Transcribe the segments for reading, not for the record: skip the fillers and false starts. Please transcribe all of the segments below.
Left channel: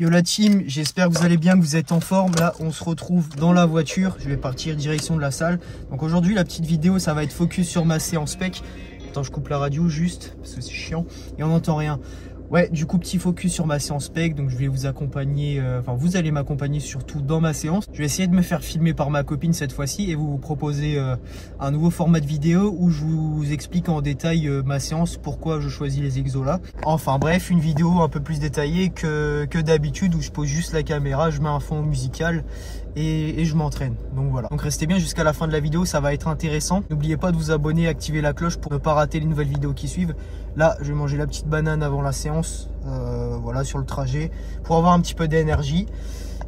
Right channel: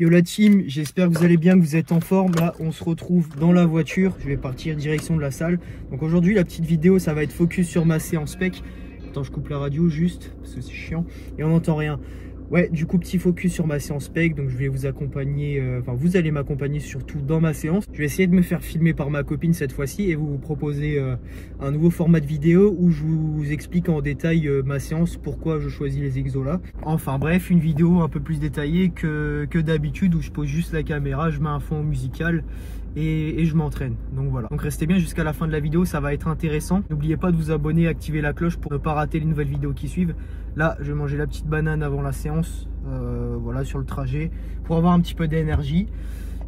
Yo la team, j'espère que vous allez bien, que vous êtes en forme. Là, on se retrouve dans la voiture. Je vais partir direction de la salle. Donc aujourd'hui, la petite vidéo, ça va être focus sur ma séance pec. Attends, je coupe la radio juste, parce que c'est chiant. Et on n'entend rien. Ouais, du coup, petit focus sur ma séance pec. Donc je vais vous accompagner, vous allez m'accompagner surtout dans ma séance. Je vais essayer de me faire filmer par ma copine cette fois-ci et vous proposer un nouveau format de vidéo où je vous explique en détail ma séance, pourquoi je choisis les exos là. Enfin bref, une vidéo un peu plus détaillée que d'habitude où je pose juste la caméra, je mets un fond musical et je m'entraîne. Donc voilà. Donc restez bien jusqu'à la fin de la vidéo, ça va être intéressant. N'oubliez pas de vous abonner et activer la cloche pour ne pas rater les nouvelles vidéos qui suivent. Là, je vais manger la petite banane avant la séance, voilà, sur le trajet, pour avoir un petit peu d'énergie.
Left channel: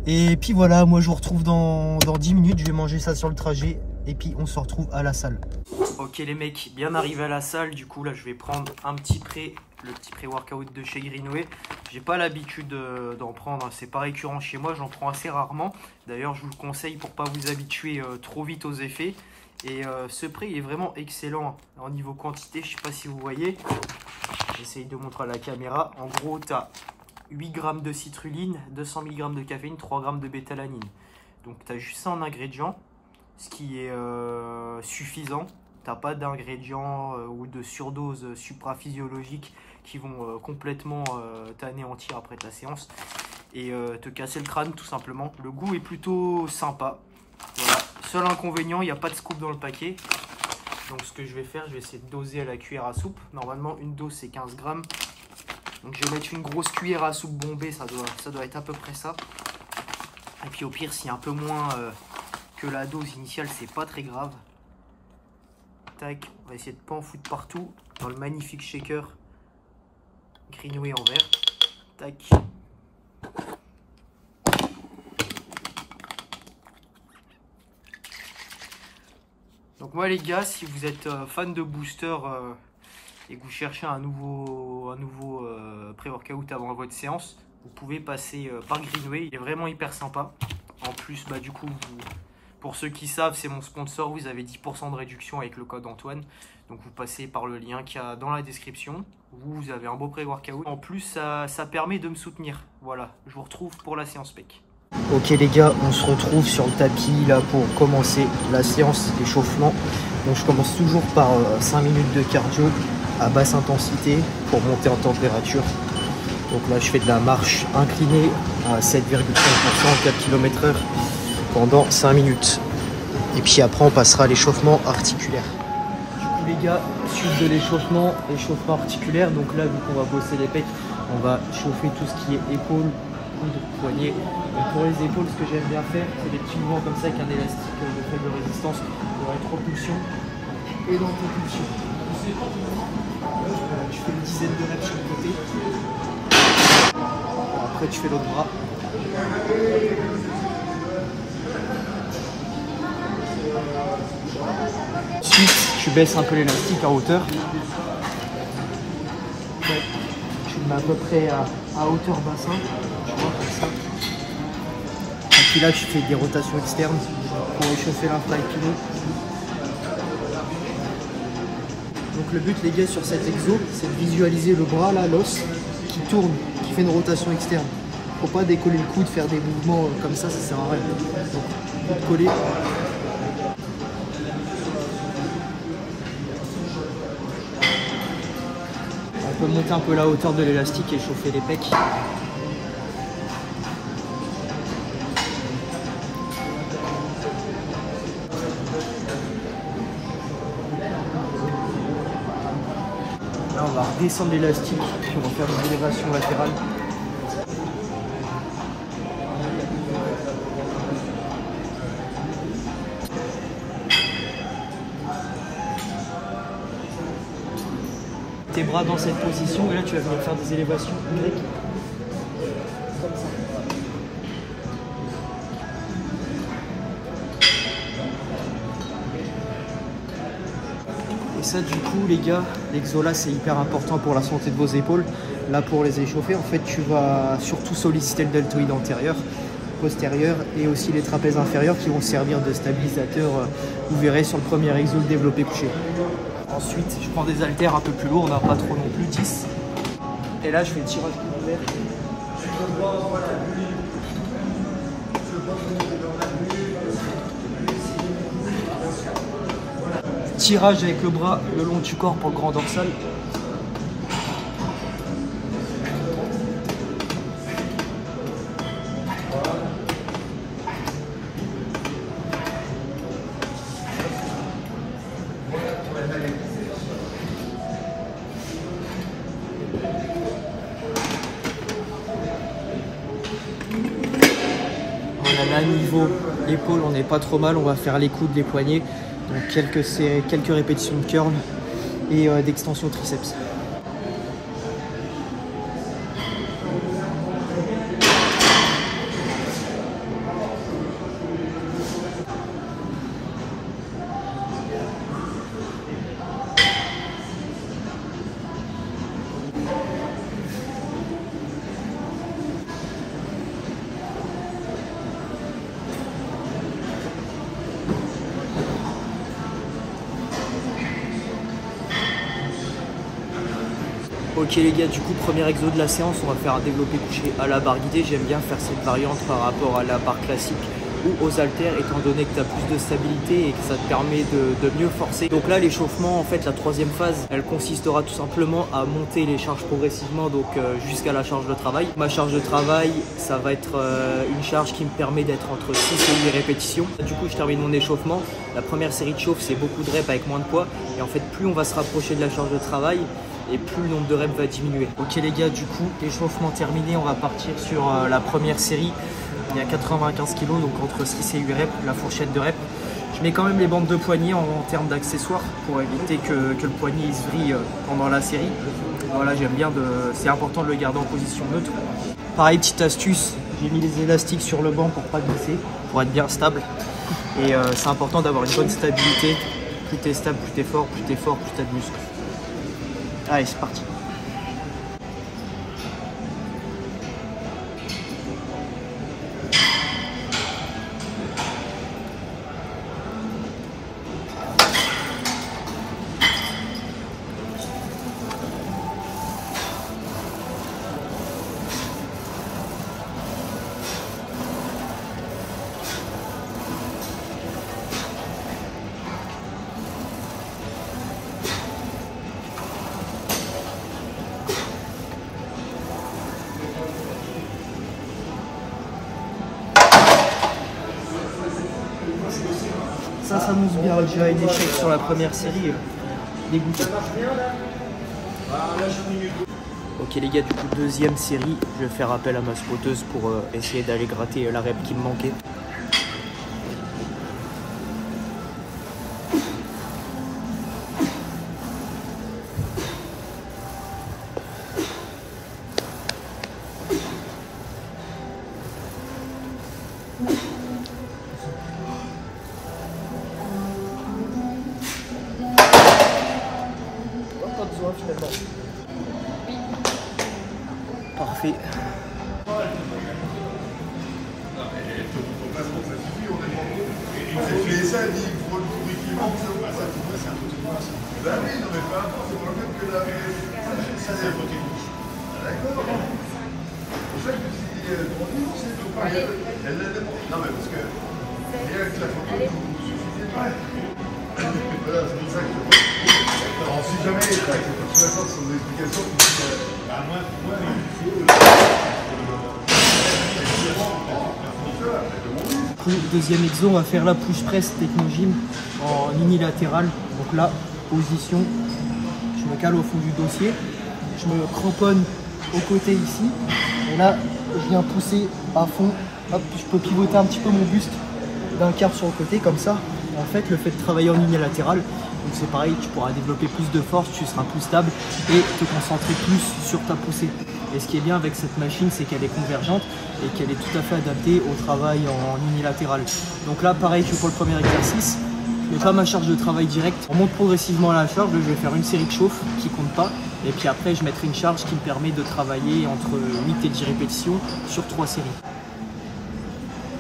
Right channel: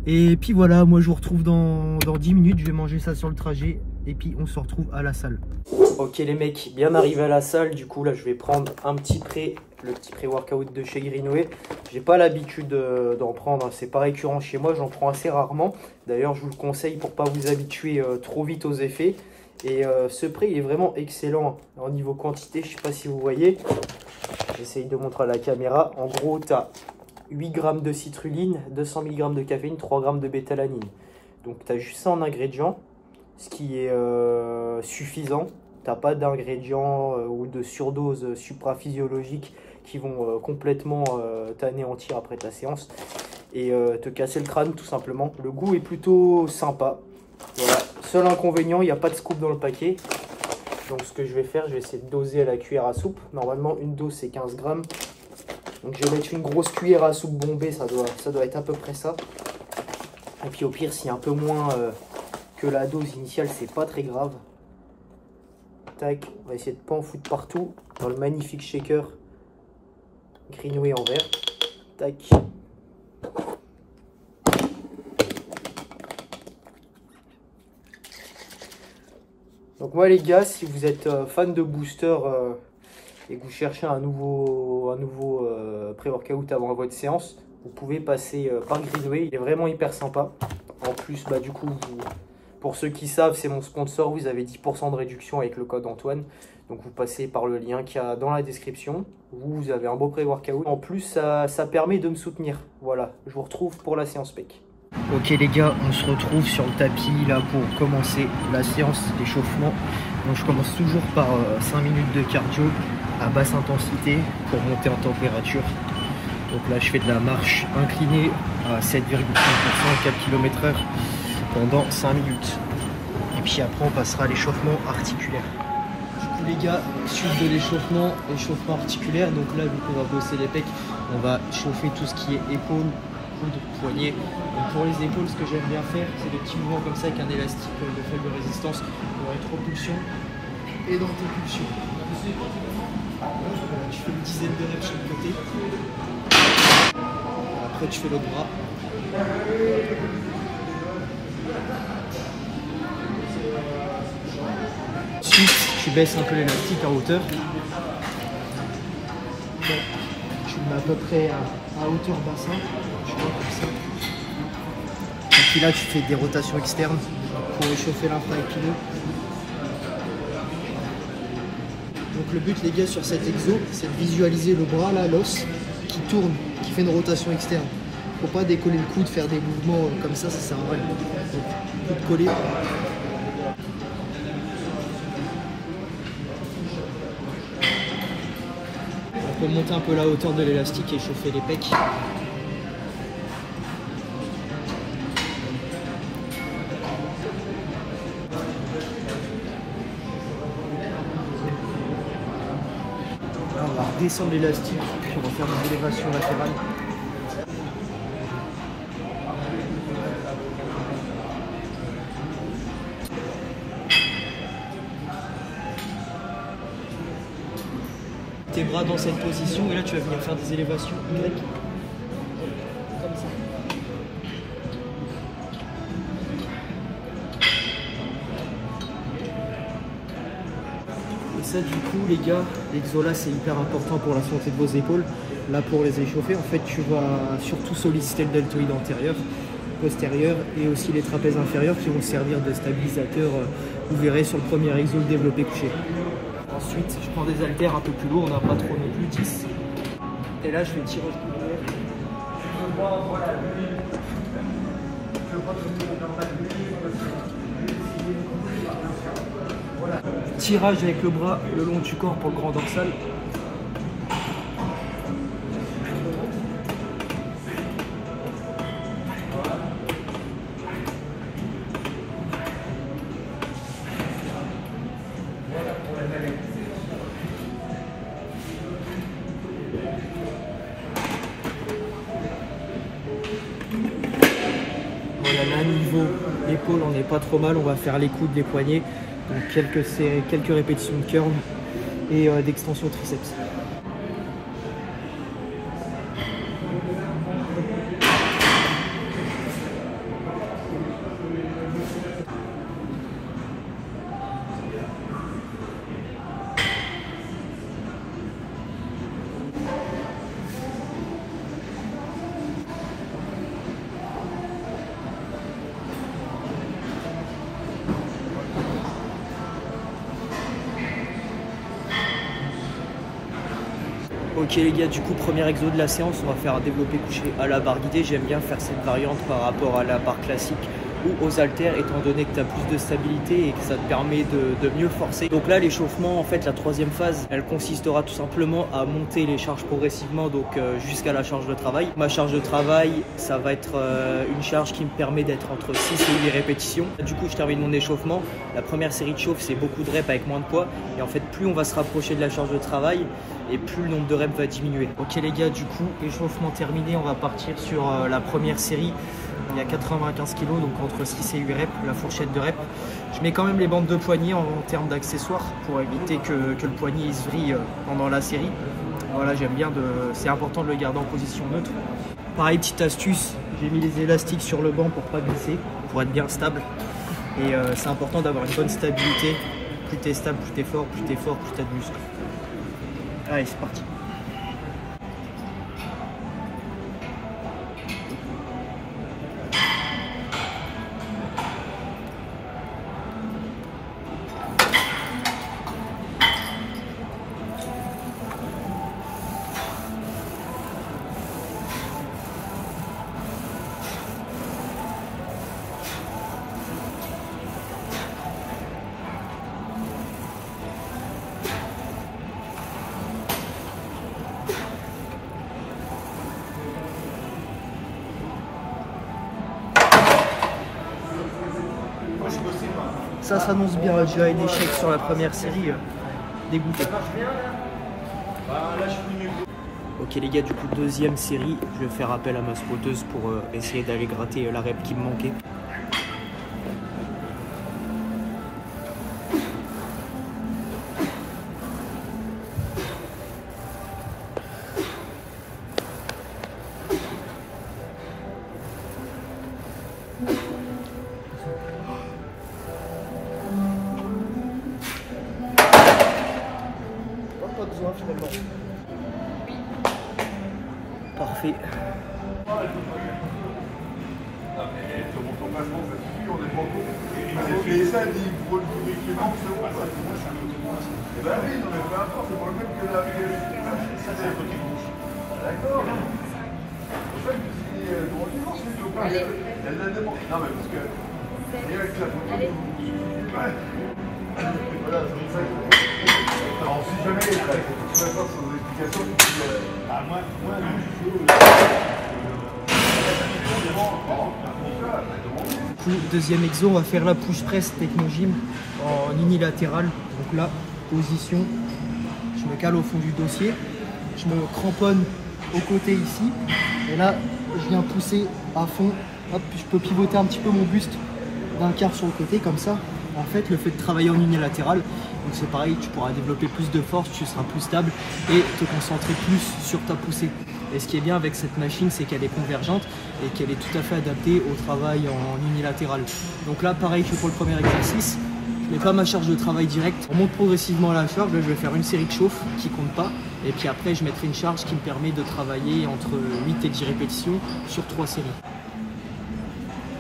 Et puis voilà, moi je vous retrouve dans 10 minutes, je vais manger ça sur le trajet. Et puis on se retrouve à la salle. Ok les mecs, bien arrivé à la salle. Du coup là je vais prendre le petit pré-workout de chez Greenway. J'ai pas l'habitude d'en prendre, c'est pas récurrent chez moi, j'en prends assez rarement. D'ailleurs je vous le conseille pour pas vous habituer trop vite aux effets. Et ce pré il est vraiment excellent en niveau quantité, je sais pas si vous voyez. J'essaye de montrer à la caméra. En gros tu as 8 g de citrulline, 200 mg de caféine, 3 g de bétalanine. Donc tu as juste ça en ingrédients, ce qui est suffisant. T'as pas d'ingrédients ou de surdoses supraphysiologiques qui vont complètement t'anéantir après ta séance et te casser le crâne tout simplement. Le goût est plutôt sympa. Voilà. Seul inconvénient, il n'y a pas de scoop dans le paquet. Donc ce que je vais faire, je vais essayer de doser à la cuillère à soupe. Normalement une dose c'est 15 g. Donc je vais mettre une grosse cuillère à soupe bombée, ça doit être à peu près ça. Et puis au pire, s'il y a un peu moins que la dose initiale, c'est pas très grave. Tac, on va essayer de pas en foutre partout dans le magnifique shaker Greenway en verre. Tac. Donc moi les gars, si vous êtes fan de booster et que vous cherchez un nouveau pré-workout avant votre séance, vous pouvez passer par Greenway. Il est vraiment hyper sympa. En plus, bah du coup, pour ceux qui savent, c'est mon sponsor. Vous avez 10% de réduction avec le code Antoine. Donc vous passez par le lien qu'il y a dans la description. Vous avez un beau pré-workout. En plus, ça permet de me soutenir. Voilà, je vous retrouve pour la séance pec. Ok les gars, on se retrouve sur le tapis là pour commencer la séance d'échauffement. Donc je commence toujours par 5 minutes de cardio à basse intensité pour monter en température. Donc là je fais de la marche inclinée à 7,5% 4 km/h pendant 5 minutes. Et puis après on passera à l'échauffement articulaire. Du coup les gars, suite de l'échauffement articulaire, donc là vu qu'on va bosser les pecs, on va chauffer tout ce qui est épaules, coudes, poignets. Donc pour les épaules, ce que j'aime bien faire, c'est des petits mouvements comme ça avec un élastique de faible résistance pour rétropulsion et dans tes pulsions. Voilà, tu fais une dizaine de reps sur le côté. Après tu fais l'autre bras. Ensuite, tu baisses un peu l'élastique en hauteur. Donc, tu le mets à peu près à hauteur bassin. Tu vois, comme ça. Et puis là, tu fais des rotations externes pour réchauffer l'infra-épineux. Donc le but, les gars, sur cet exo, c'est de visualiser le bras, là, l'os, qui tourne, qui fait une rotation externe. Faut pas décoller le coude, faire des mouvements comme ça sert à rien. Donc, coude collé. On peut monter un peu la hauteur de l'élastique et chauffer les pecs. Là, on va redescendre l'élastique, puis on va faire des élévations latérales. Tes bras dans cette position, et là tu vas venir faire des élévations Y. Comme ça. Et ça du coup les gars, l'exo là c'est hyper important pour la santé de vos épaules. Là pour les échauffer, en fait tu vas surtout solliciter le deltoïde antérieur, postérieur et aussi les trapèzes inférieurs qui vont servir de stabilisateur, vous verrez sur le premier exo le développé couché. Ensuite, je prends des haltères un peu plus lourds, on n'a pas trop non plus, 10. Et là, je fais tirage coude. tirage avec le bras le long du corps pour le grand dorsal. Voilà, là niveau épaule, on n'est pas trop mal. On va faire les coudes, les poignets. Donc quelques répétitions de curl et d'extension triceps. Ok les gars, du coup premier exo de la séance, on va faire un développé couché à la barre guidée. J'aime bien faire cette variante par rapport à la barre classique ou aux haltères, étant donné que tu as plus de stabilité et que ça te permet de mieux forcer. Donc là l'échauffement, en fait la troisième phase, elle consistera tout simplement à monter les charges progressivement, donc jusqu'à la charge de travail. Ma charge de travail, ça va être une charge qui me permet d'être entre 6 et 8 répétitions. Du coup je termine mon échauffement. La première série de chauffe, c'est beaucoup de reps avec moins de poids, et en fait plus on va se rapprocher de la charge de travail, et plus le nombre de reps va diminuer. Ok les gars, du coup, échauffement terminé, on va partir sur la première série. Il y a 95 kg, donc entre 6 et 8 reps, la fourchette de reps. Je mets quand même les bandes de poignet en termes d'accessoires pour éviter que le poignet il se vrille pendant la série. Voilà, j'aime bien, c'est important de le garder en position neutre. Pareil, petite astuce, j'ai mis les élastiques sur le banc pour pas glisser, pour être bien stable. Et c'est important d'avoir une bonne stabilité. Plus tu es stable, plus tu es fort, plus tu es fort, plus tu as de muscles. Allez, c'est parti. Ça s'annonce bien, j'ai eu un échec sur la première série, dégoûté. Ok les gars, du coup deuxième série, je vais faire appel à ma spoteuse pour essayer d'aller gratter la rep qui me manquait. Pas besoin finalement. Parfait. Allez. Allez. Voilà, c'est exactement. Alors, si jamais tu es d'accord sur vos explications, à moins Du coup, deuxième exo, on va faire la push press technogym en unilatéral. Donc là, position, je me cale au fond du dossier, je me cramponne au côté ici, et là, je viens pousser à fond. Hop, je peux pivoter un petit peu mon buste d'un quart sur le côté, comme ça. En fait, le fait de travailler en unilatéral, donc c'est pareil, tu pourras développer plus de force, tu seras plus stable et te concentrer plus sur ta poussée. Et ce qui est bien avec cette machine, c'est qu'elle est convergente et qu'elle est tout à fait adaptée au travail en unilatéral. Donc là, pareil que pour le premier exercice, je mets pas ma charge de travail directe. On monte progressivement à la charge. Là, je vais faire une série de chauffe qui compte pas. Et puis après, je mettrai une charge qui me permet de travailler entre 8 et 10 répétitions sur 3 séries.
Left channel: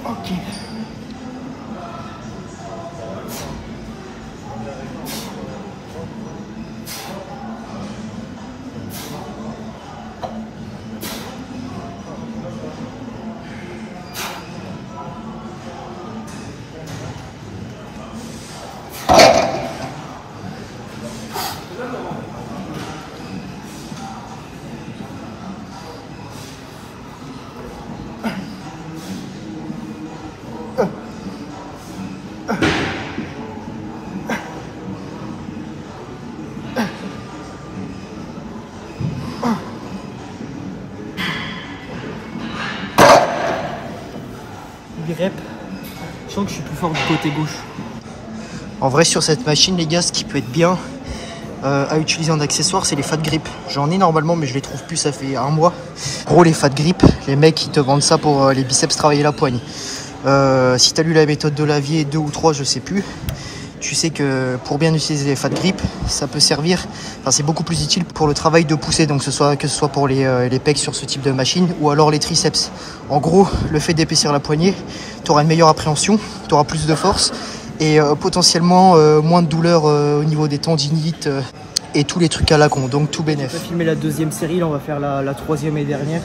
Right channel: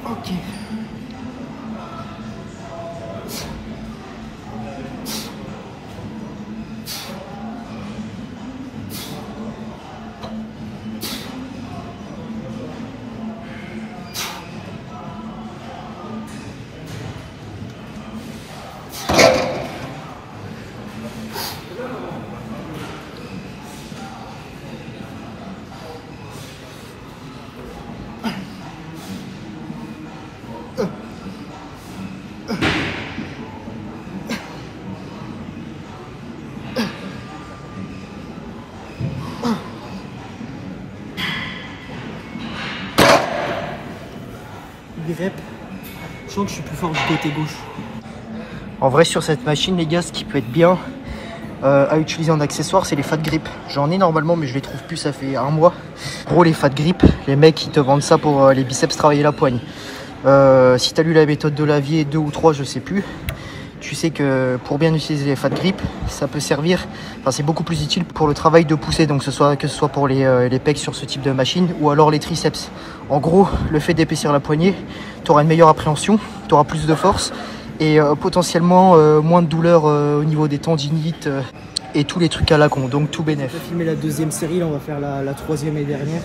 Ok. 8 reps. Je sens que je suis plus fort du côté gauche. En vrai, sur cette machine, les gars, ce qui peut être bien à utiliser en accessoire, c'est les fat grip. J'en ai normalement, mais je les trouve plus, ça fait un mois. En gros, les fat grip, les mecs, ils te vendent ça pour les biceps travailler la poigne. Si tu as lu la méthode de Lavier 2 ou 3, je sais plus, tu sais que pour bien utiliser les fat grip, ça peut servir, enfin c'est beaucoup plus utile pour le travail de poussée, donc que ce soit pour les pecs sur ce type de machine ou alors les triceps. En gros, le fait d'épaissir la poignée, tu auras une meilleure appréhension, tu auras plus de force et potentiellement moins de douleur au niveau des tendinites et tous les trucs à la con, donc tout bénef. On va filmer la deuxième série, là on va faire la troisième et dernière.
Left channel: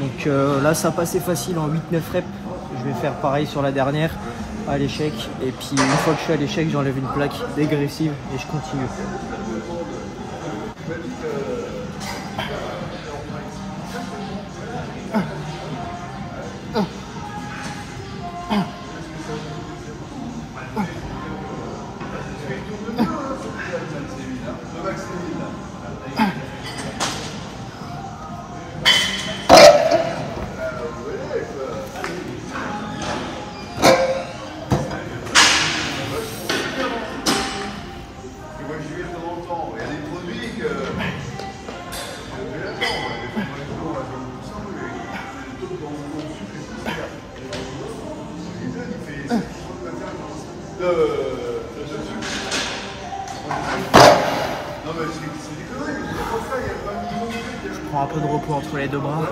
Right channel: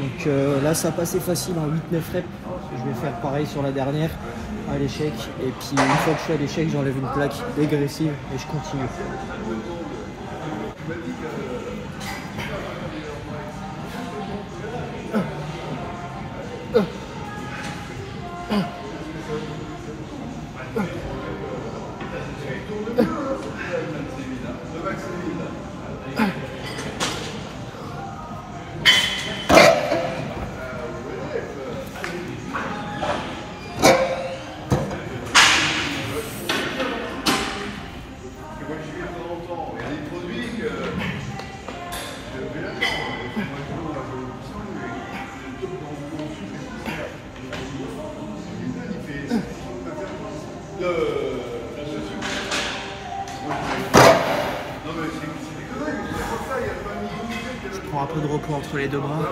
Donc là ça passait facile en 8-9 reps. Je vais faire pareil sur la dernière à l'échec. Et puis une fois que je suis à l'échec, j'enlève une plaque dégressive et je continue. Je prends un peu de repos entre les deux bras.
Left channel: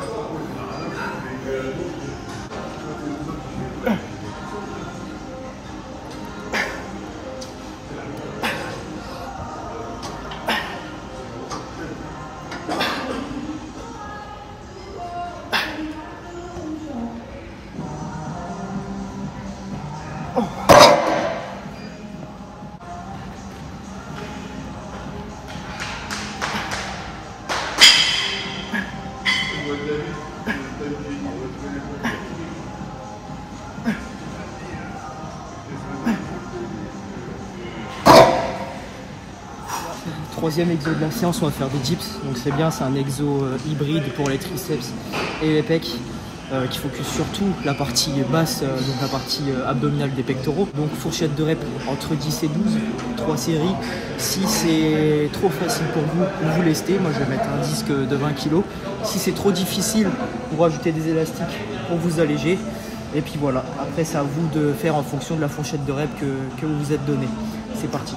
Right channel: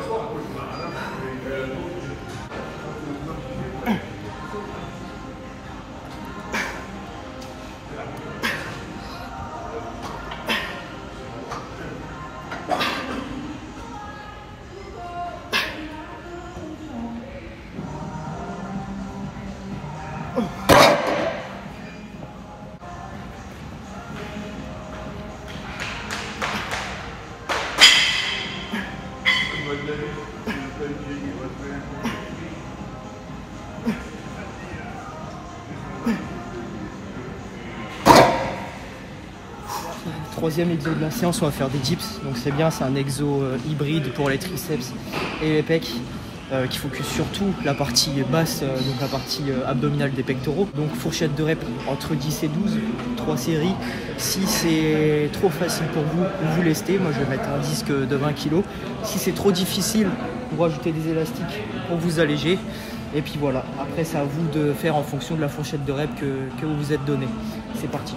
Troisième exo de la séance, on va faire des dips. Donc c'est bien, c'est un exo hybride pour les triceps et les pecs qui focus surtout la partie basse, donc la partie abdominale des pectoraux. Donc fourchette de reps entre 10 et 12, 3 séries. Si c'est trop facile pour vous, vous lestez. Moi je vais mettre un disque de 20 kg. Si c'est trop difficile, vous rajoutez des élastiques pour vous alléger. Et puis voilà, après c'est à vous de faire en fonction de la fourchette de reps que vous vous êtes donné. C'est parti.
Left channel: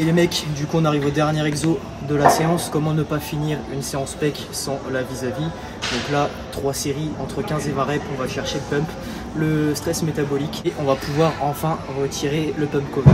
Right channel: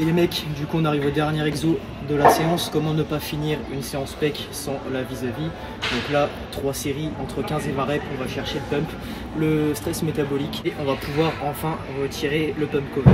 Et les mecs, du coup on arrive au dernier exo de la séance. Comment ne pas finir une séance pec sans la vis-à-vis. Donc là, 3 séries entre 15 et 20 reps, on va chercher le pump, le stress métabolique et on va pouvoir enfin retirer le pump cover.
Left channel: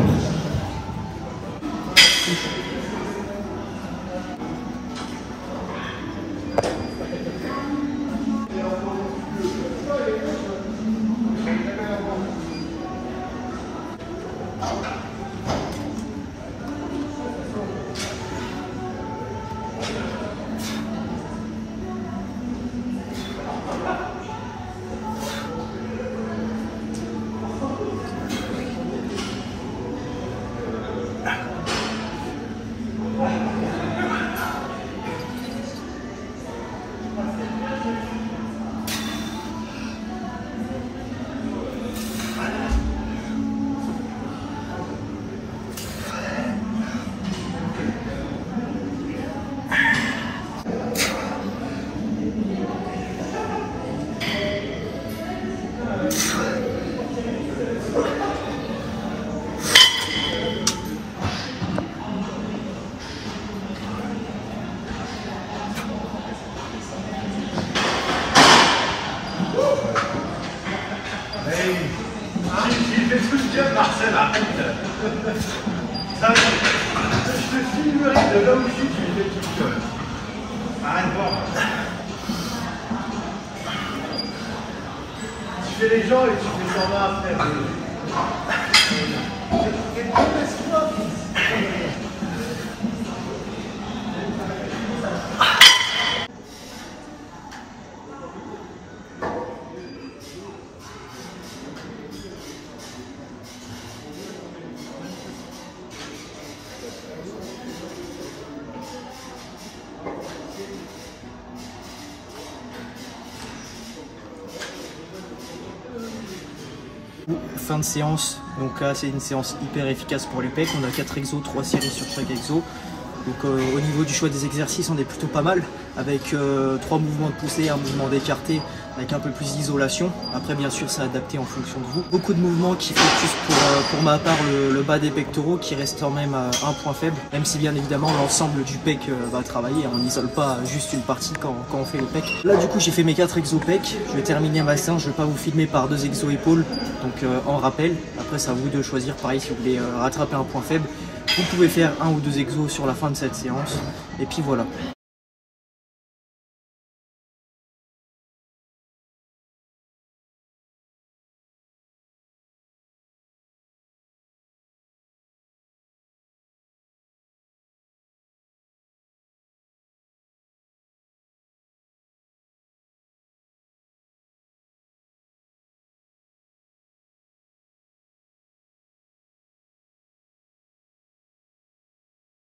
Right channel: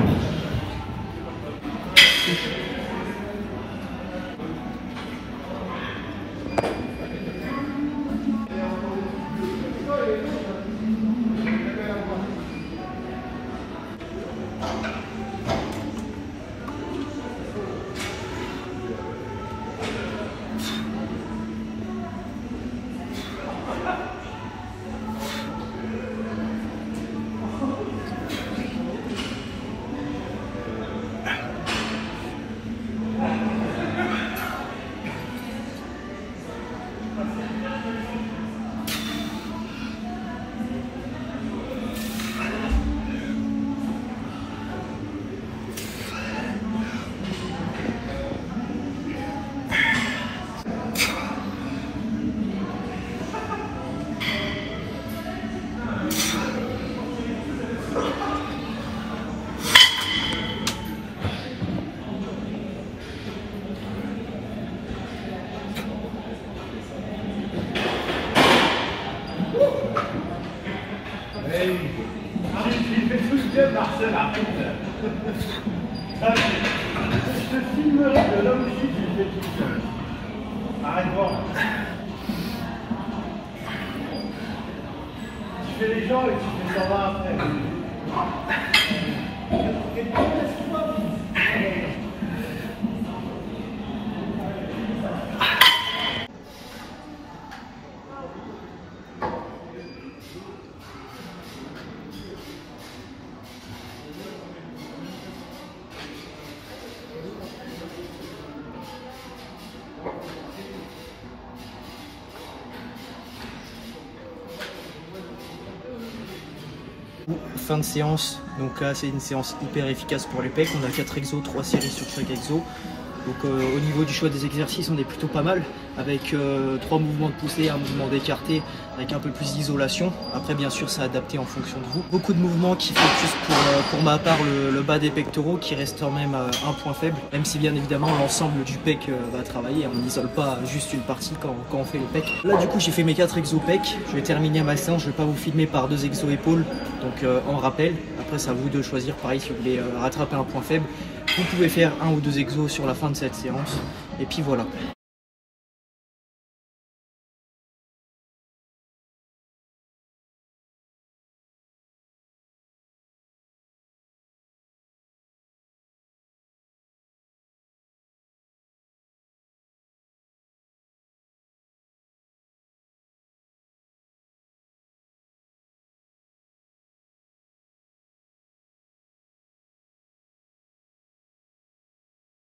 là où je suis, tu me fais tout quand même. Arrête de voir. Tu fais les gens et tu fais 120 après. Fin de séance, donc là c'est une séance hyper efficace pour les pecs. On a 4 exos, 3 séries sur chaque exo. Donc au niveau du choix des exercices, on est plutôt pas mal avec 3 mouvements de poussée, un mouvement d'écarté avec un peu plus d'isolation. Après bien sûr c'est adapté en fonction de vous. Beaucoup de mouvements qui focus pour ma part le bas des pectoraux qui reste quand même un point faible, même si bien évidemment l'ensemble du pec va travailler. On n'isole pas juste une partie quand on fait les pecs. Là du coup j'ai fait mes 4 exos pecs. Je vais terminer ma séance, je vais pas vous filmer par 2 exos épaules, donc en rappel. Après c'est à vous de choisir, pareil si vous voulez rattraper un point faible. Vous pouvez faire 1 ou 2 exos sur la fin de cette séance. Et puis voilà.